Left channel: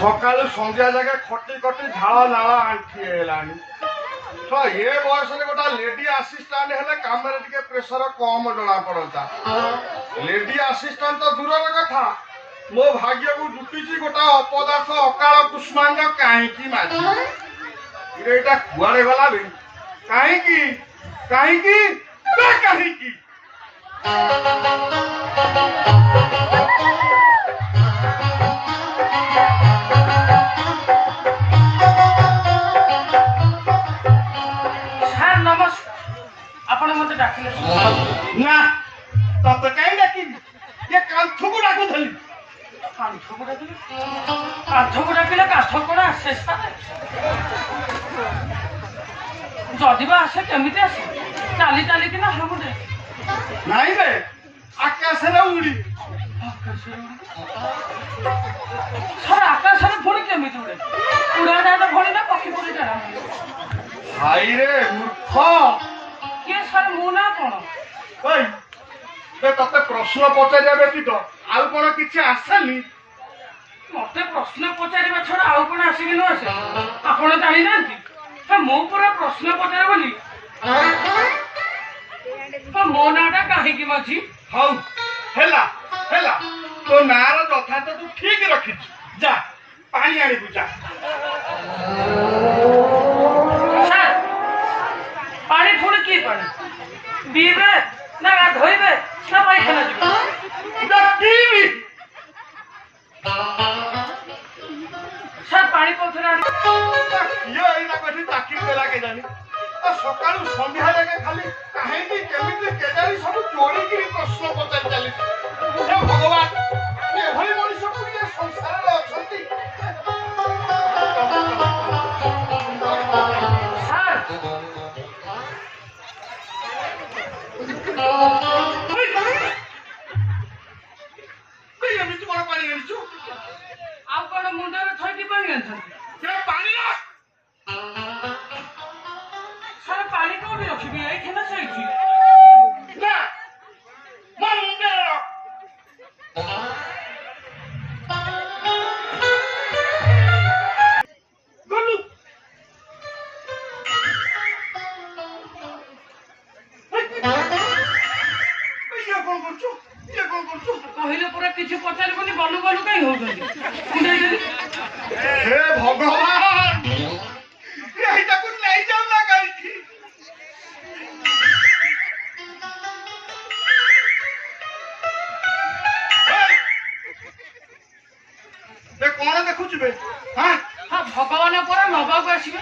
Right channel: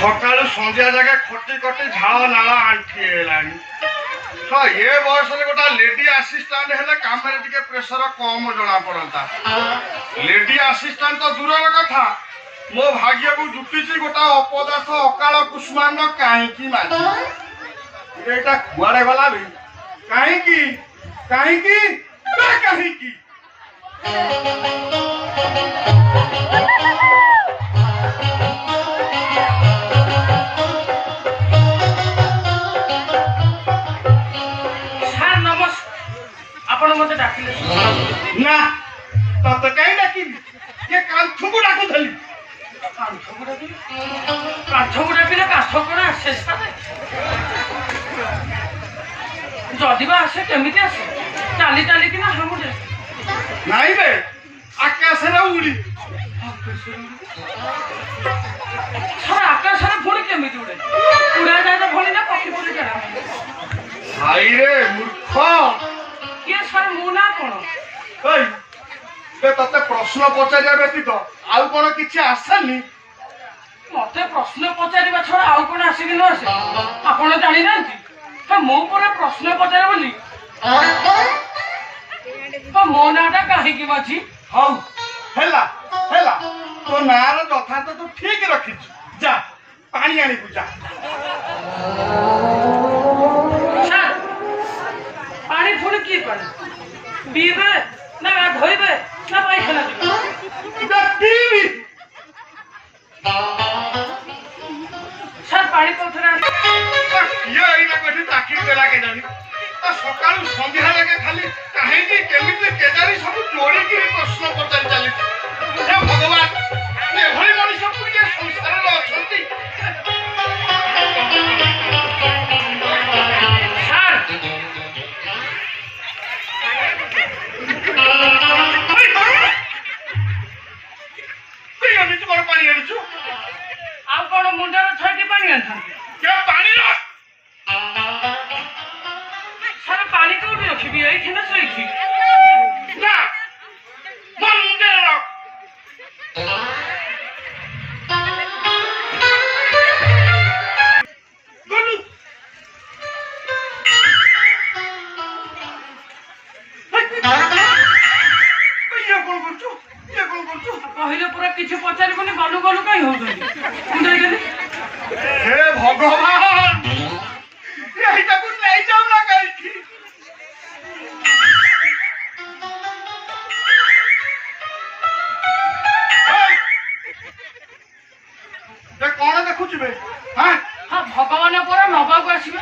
ସକାଳୁ ସନ୍ଧ୍ୟା ଯାକେ ଖଟି ଖଟି ଝାଳ ନାଳ ଆଣ୍ଠି ହେଲାଣି। ଏ ବୟସରେ ଗୋଟେ ଲେଡି ଆସିଷ୍ଟାଣ୍ଟ ହେଲେ କାମରେ ଟିକେ ପ୍ରେସର କମ ଜଣା ପଡନ୍ତା। ଲେଡି ଆସିଷ୍ଟାଣ୍ଟ ତ ଦୂରର କଥା, ମୋ ଭାଗ୍ୟକୁ ଜୁଟିଛି ଗୋଟେ ଅପଦାର୍ଥ ଅକାଳ କୁଷ୍ମାଣ୍ଡ କାହିଁକି ମାଝି। ଏଇଟା କୁଆଡେ ଗଲା ବେ? କାହିଁକି କାହିଁକି କାହିଁକି? ଆପଣ ମତେ ଡାକିଲେ ନା, ତତେ କାହିଁ ଡାକିବି? ଏ କାନ୍ଥକୁ ଡାକୁଥିଲି। କାନ୍ଥକୁ ଡାକିଲେ କାନ୍ଥ କଣ ଆସେ? ଯଦି ବା ଆସେ କେମିତି ଆସେ? ଚାଲି ଚାଲିକିନା ହାମୁଡେ? ନାଇଁ ବେ, ଆକାଶରେ ଉଡି। ସାର୍ ଆକାଶରେ ପୁଣି କେମିତି ଉଡେ? ଉଡାଜାହାଜ ଭଳି ନା ପକ୍ଷୀ ପରି ଟେଣା? ଭାଇରେ ମୂର୍ଖ। କିଏ ସାର୍, ମୁଁ ନା କଣ? ତତେ ପ୍ରଶ୍ନ ପଚାରିବା ବ୍ୟତୀତ ଆଉ କଣ କିଛି ଆସେନି? ମତେ ପ୍ରଶ୍ନ ପଚାରିବା ଛଡା ଆଉ କଣ ଆସିକି ନ ଆସେ? ଆପଣ ଜାଣିନାହାନ୍ତି ତ ମୁଁ ପୁରା ପ୍ରଶ୍ନ ପଚାରେ ବୋଲି। ମୋ ନାଁଟା କାହିଁକି ମାଝି? ହଉ ହେଲା ହେଲା, ତୋ ନାଁର ଯଥାର୍ଥ ତୁ ଠିକ ରଖିଛୁ। ଯା ପାଣି ଆଣିବୁ ଯା। ସାର୍ ପାଣି ପୁଣି କି ପାଣି? ପିଇବେ ନା ଧୋଇବେ ନା ପାଇଖାନା ଯିବେ? ସାର୍ ପାଣି କୋଉଥିରେ ଚାକିରି ଦେଲା କେଜାଣି? ସକାଳୁ ସନ୍ଧ୍ୟା ଯାକେ ଖାଲି କାହିଁକି କେମିତି କେଜାଣି ସବୁ ଯୋଡ଼ିକିରି ପ୍ରଶ୍ନ ପଚାରି ଚାଲିଛି। ହେ ଭଗବାନ, ଏଭଳି ମଣିଷ ପୁଣି ସଂସାରରେ ଅଛନ୍ତି? ଏମିତି କଣ ପାଣି ଆଣିଛୁ? ଆଉ କଣ ମୁଣ୍ଡରେ ଥଇକି ପାଣି ଆଣିଛନ୍ତି? ପାଣିର ସାର୍ ପାଣି କୋଉଠି ରଖିବି? ଏଇଠି ନା ସେଇଠି? ନା, ମୋ ମୁଣ୍ଡରେ ରଖ। କହିଲେ ପୁରା କିଛି ପଚାରିବନି, ଗଲୁ ଗଲୁ କାହିଁ ହଉଛନ୍ତି? ହେ ଭଗବାନ, ଏଇଟାକୁ ନେଇଯାଉ ନା କାହିଁକି? କଣ ଦେଖୁଛୁ ବେ? ଭଗବାନ ପରା ନବାକୁ ଆସିବେ।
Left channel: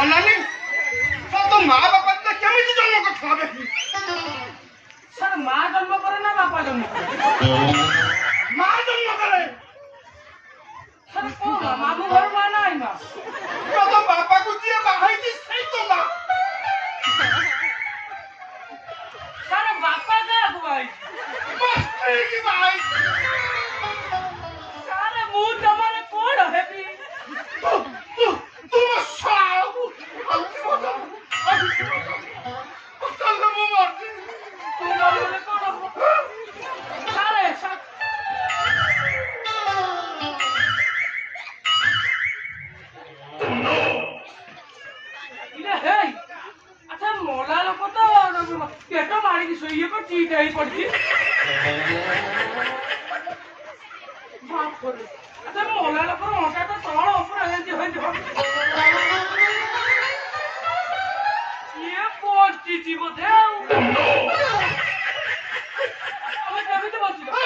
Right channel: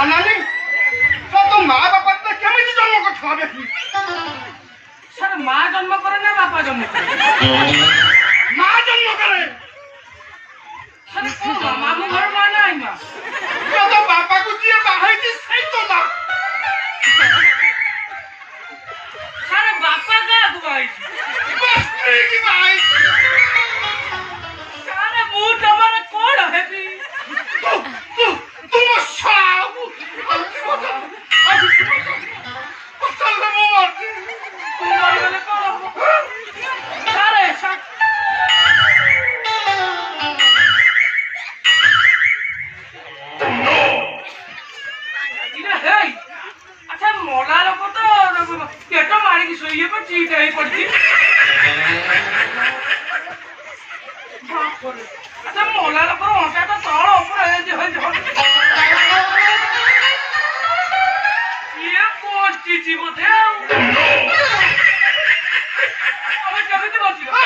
ଅନାନି, ତୋ ମା ବାପା କେମିତି ଜନ୍ମ କରିଥିଲା ଦେଖି? ସାର୍ ମା ଜନ୍ମ କରେ ନା ବାପା ଜନ୍ମ କରେ? ମା ଜନ୍ମ କରେ। ମାମୁଁ ଘର ମା ନା ଆଇ ମା? ତୋ ବାପାକୁ ଯିଏ ବାହାଇଛି ସେଇ ତ ମା। ସାର୍ ବାପା କାହାକୁ ବାହାଇଛି? ସାର୍ ମୁଁ ତମର କଣ ହେବି? ଆଚ୍ଛା ମଲା ଲୋକ ତ ପେଟ ମାରିକି ଶୋଇଏ ଚିଟ ହେଇ ପଡିଛି। ଆଚ୍ଛା ମଲା ଲୋକର ଅଣ୍ଟା ତ ତଳ ଉପରେ ଇଏ ବଞ୍ଚିଛି ବୋଧେ ଆଉ। ଆମେ କେମିତି ବଞ୍ଚିବା?